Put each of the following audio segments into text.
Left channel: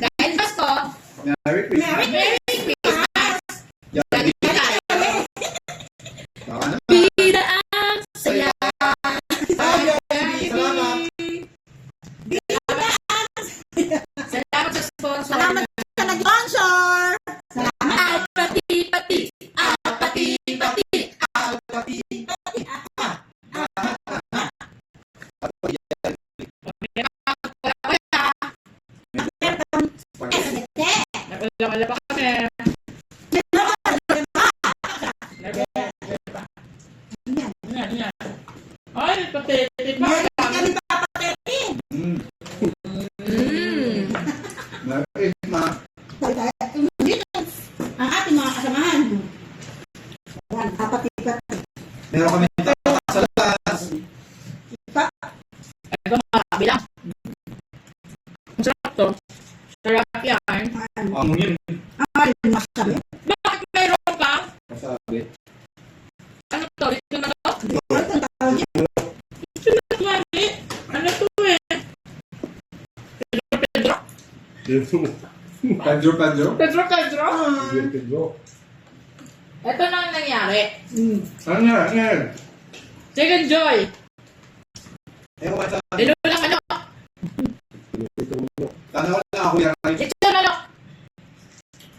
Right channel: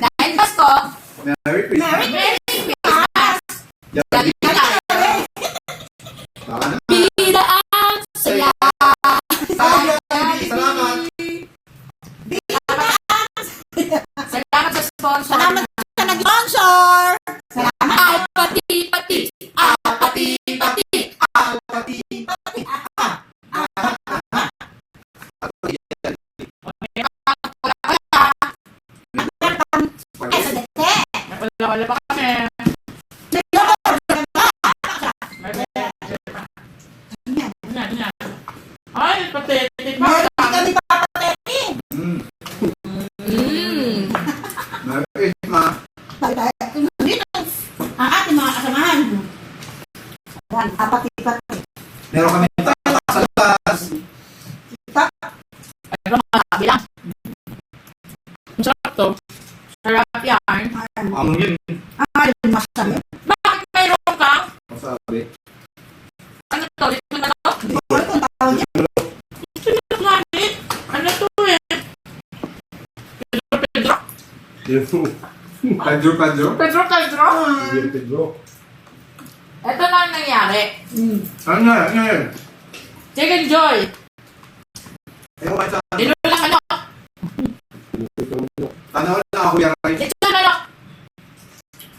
Dahil Pasko. Merry Christmas. Merry Christmas. Yagi. Baka na. Bida ang saya. Salamat. Salamat sa sponsor. Salamat sa nag-sponsor. Salamat. Pati. Wala pa kami. Ay, patetik pa. Kami papatete. Merry Christmas. Dito, ang ating mga kasamahan. Ayan, papati-pati. Meron kami sa labas. Ito mga bilang. Ang sarap to. Sarap yan. Ang yun. Ay, masabi. Bakit mayroon ka? Masabi. Ano to? Dito na to? Hindi ko alam kung tawag niya. Ito na mali. Ano to eh? Pedro? Pedro. Pedro? Pedro. Ito na ang nangyari. Ano yan? Chicken Joy. Ayaw ka sa... Nilulang ano? Tanaw na ako yan. Ito na ano?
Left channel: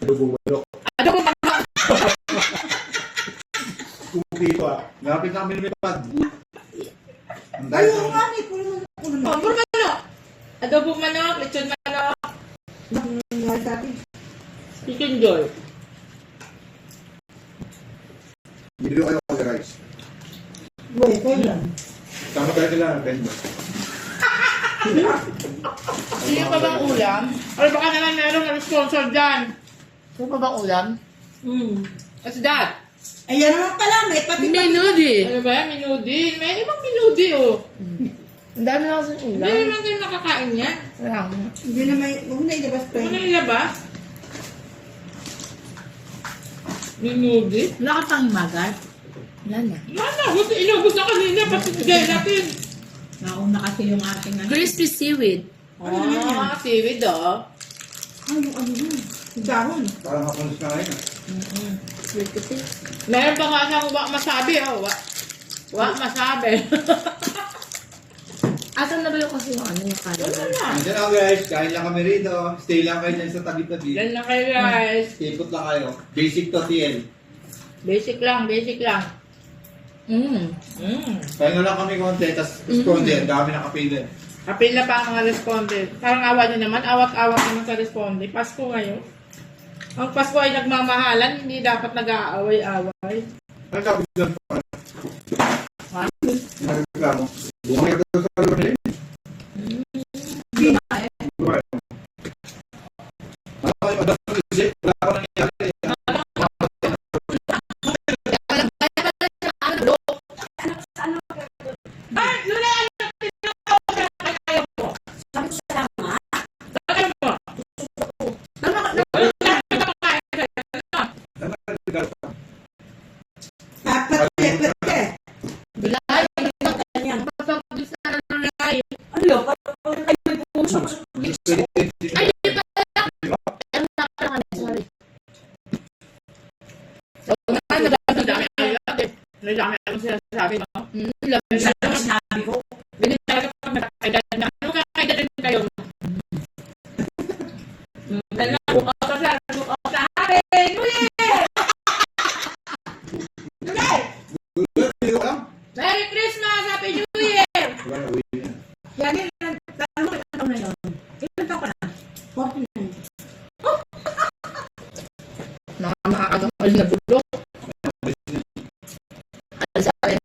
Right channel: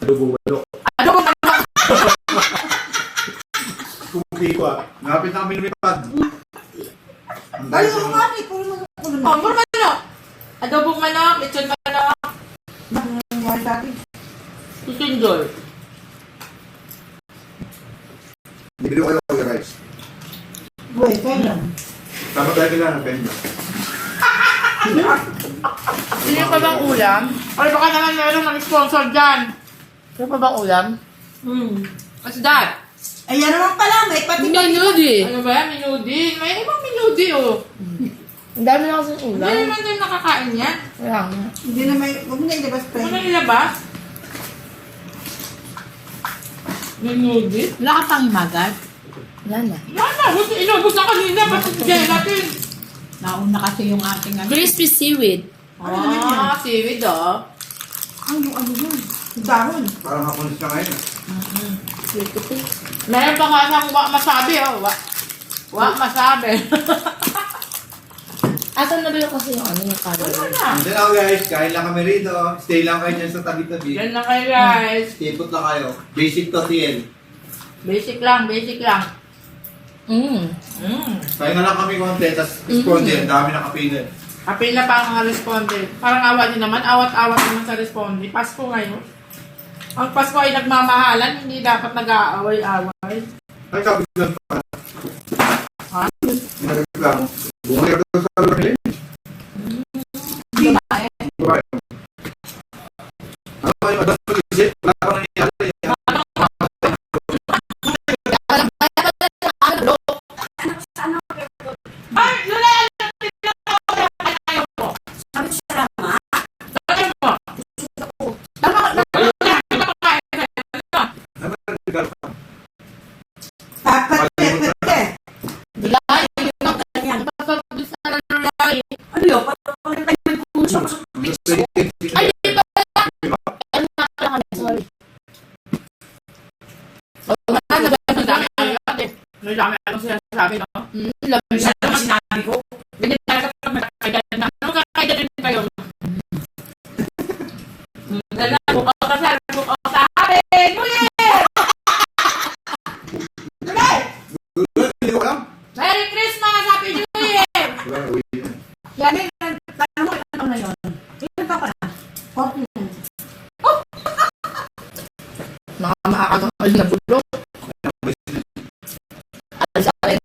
Adobo. Adobo manok. Kupi ko ah. Napit na kami lumipad. Ayun nga, may puro mga Oh, puro manok. Adobo manok, lechon manok. nangyari sa atin. Chicken Joy. Bibili ko kayo ng rice. Boy, kailan? Tama tayo kailangan ng Pedro. Sino pa bang ulam? Ay, baka naman meron mag-sponsor dyan. Sino pa bang ulam? What's that? Ayan naman pala, may pati-pati. Minudi. Ano ba? Minudi. May ibang minudi, oh. Ang dami na kasing Hindi ulam. naman din nakakain yan. Kaya nga. Hindi na may, huwag na ilabas pa Ano yun. nilabas? Minudi? Wala ka pang imagat? Wala na. Wala, gusto inubos na kanina. Pati bigyan natin. Nauna kasi yung ating ano. Crispy seaweed. Ano naman yan? Seaweed, oh. Ano yun? Dahon. Parang hapunis na ngayon. Sweet to taste. Meron pa nga siyang wak masabi, oh. Wak masabi. Asan na ba yung kasi yung ano yung Wala calorie? na. Hindi na guys, kain lang kami rito. Stay lang kayo dyan sa tabi-tabi. Yan na kayo, guys. Tipot lang kayo. Basic to TL. Basic lang, basic lang. Pahinga lang kami konti, tapos sponsor, dami nakapili. Apil na pa ang mga respondent. Parang awa din naman, awat-awat naman sa respondent. Pasko ngayon. Ang Pasko ay nagmamahalan, hindi dapat nag-aaway-away. Ay, sabi ko doon pa. Ha? Nagreklamo. Bumalik ito sa Lorraine. Babae. Ano kayo, madami mag-isip? Wala pa nangyari. Ay, Lulay! Papati-pati. Bilay! Pagpapabis na ng Lulay! Ano yun? Parang tayo may puso. Ay, di ba? Ano na kami? Sorry. So, nagdami akong sinasabi, no? Labi Isa lang sinabi ko. Ganyan talaga pag magkakailan na. Ano kakailan din kayo? Dala, bukaw ka sa Happy New Year! Merry Christmas! Happy New Year! Yan yun, tanong ko na yun. Ilan pa na? 49. Nakakakagal na bulok. Alas sa akin.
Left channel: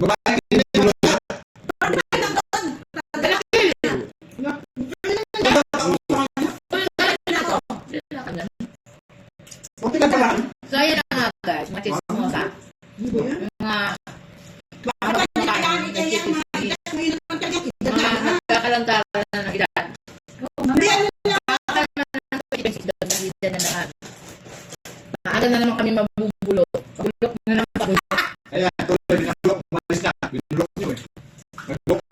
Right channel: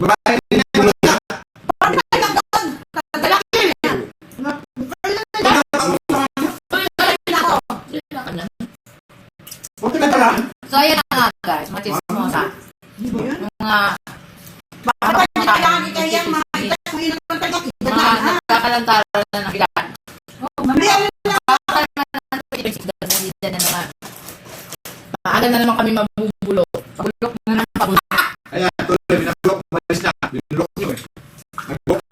Babae, So, ayan na nga guys. Matismosa. Di ba yun? Mga Baka pa hindi kailangan itayan, mga itas mo yun ang tayo. nagkakalantaran na ng edad. Mamaya mo na. Baka naman na naman. Maaga na naman kami mabubulok. Bulok mo na pabulok. ayan, tuloy, binulok, umalis na. Binulok niyo eh. Nag-book